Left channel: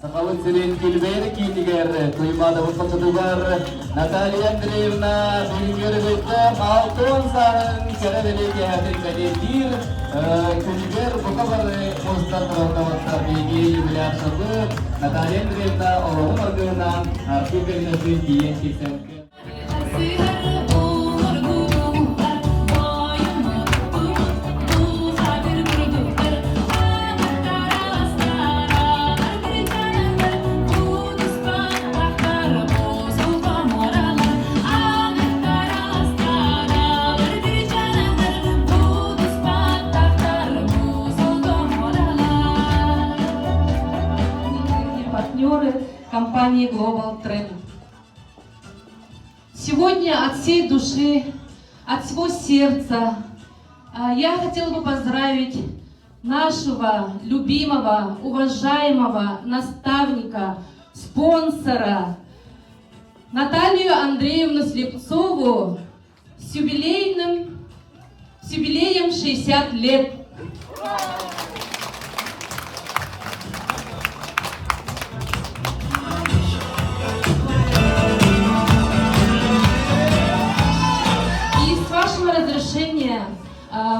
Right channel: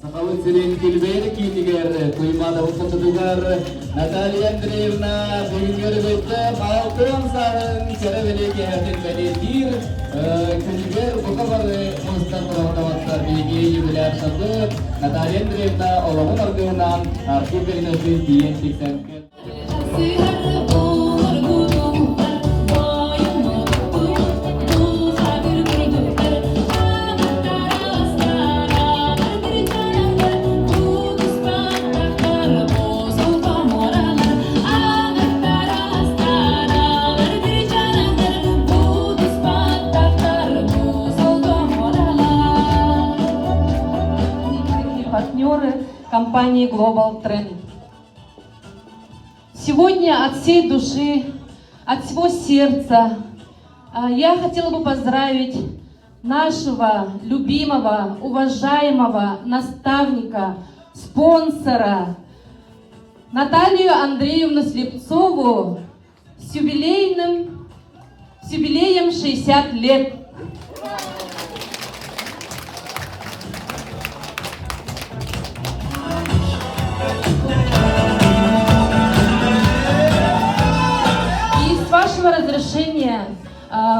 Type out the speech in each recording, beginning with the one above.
Сахавыт сирен килбер китигер туймада упатыдугар Наталья Андреевна бүгүнгөргөйдө алтын сарын керебелеги хатин кадетир килбер букабар мустан таваттар биги юбилар сабы Наталья Андреевна олоғын аргынан архив бернөсүн тиен кисен партнеры компании Global Trend. Сегодня от всей души, от всего сердца я хотела бы поздравить нашего любимого, уважаемого наставника, спонсора Наталью Андреевну Слепцову с юбилеем 60 лет. Разрешения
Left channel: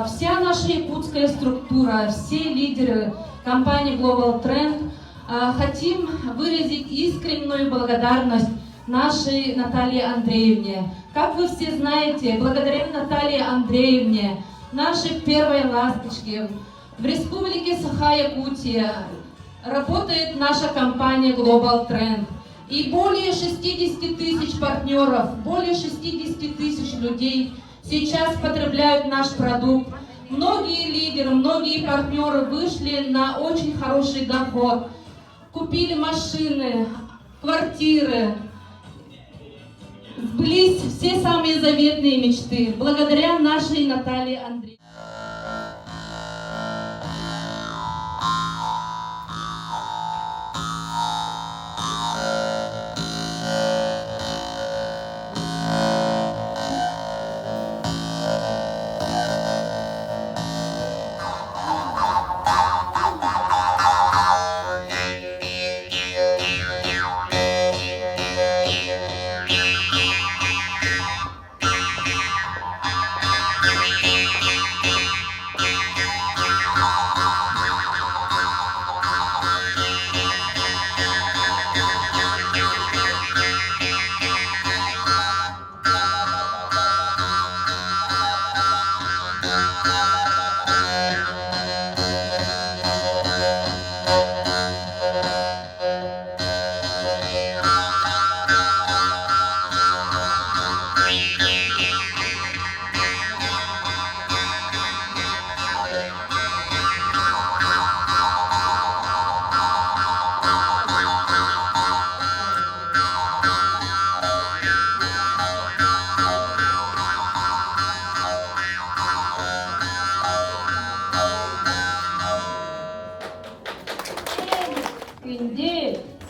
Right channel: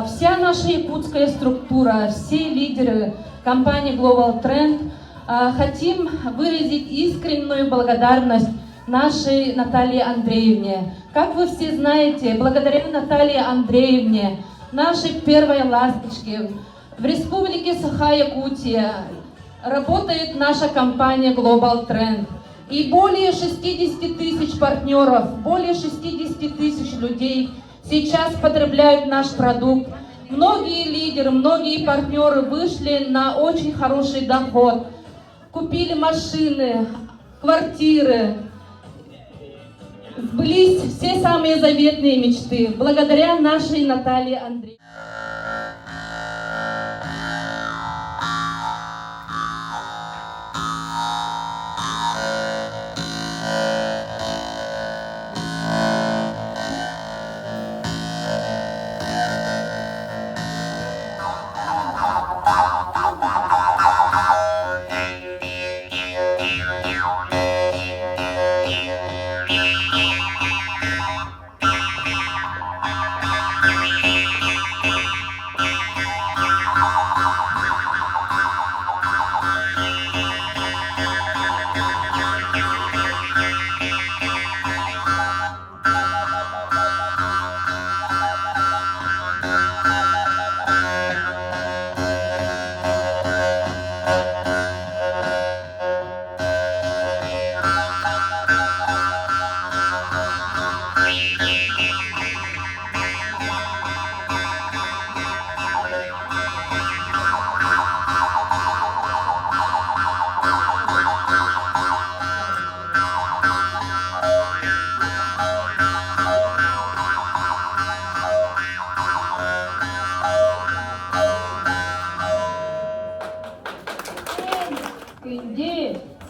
вся наша якутская структура, все лидеры компании Global Trend хотим выразить искреннюю благодарность нашей Наталье Андреевне. Как вы все знаете, благодаря Наталье Андреевне, нашей первой ласточке, в республике Саха-Якутия работает наша компания Global Trend. И более 60 тысяч партнеров, более 60 тысяч людей сейчас потребляют наш продукт. Многие лидеры, многие партнеры вышли на очень хороший доход, купили машины, квартиры, сбылись все самые заветные мечты благодаря нашей Наталье Андреевне.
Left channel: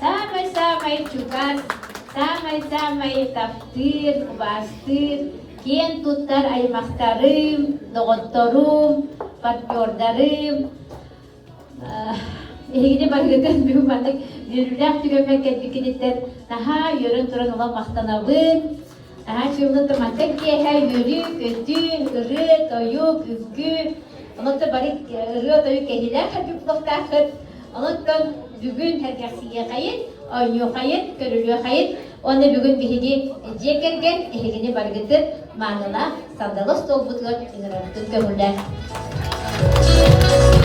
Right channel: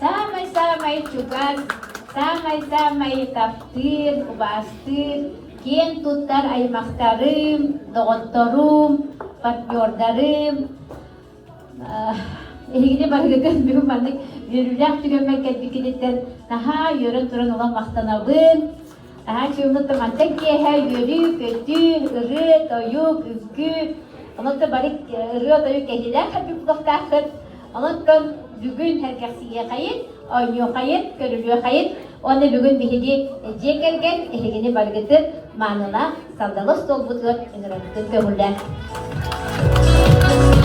Самый-самый чугас, самый-самый таптыр, бастыр, кен туттар аймактарым, доготторум, партнердарым. Эгиде баргытын бүгүн бандык жүрүлак түгөмөк кетбикидеттер, наха йөрөн турун ола мактанабын. Наха чугунда мантек кеха йөрү, көтү, ыры, тоюк, үкү. Онотто барик ыры, тоюк кедилер катып токтакыт. Онотто бүгүн herkesiye kayıt, oynuyor kayıt, görülüyor kayıt. Onu bugün bihidi cekergen, elegini bargıtı manına saldalos dolbutuyor, gömürler.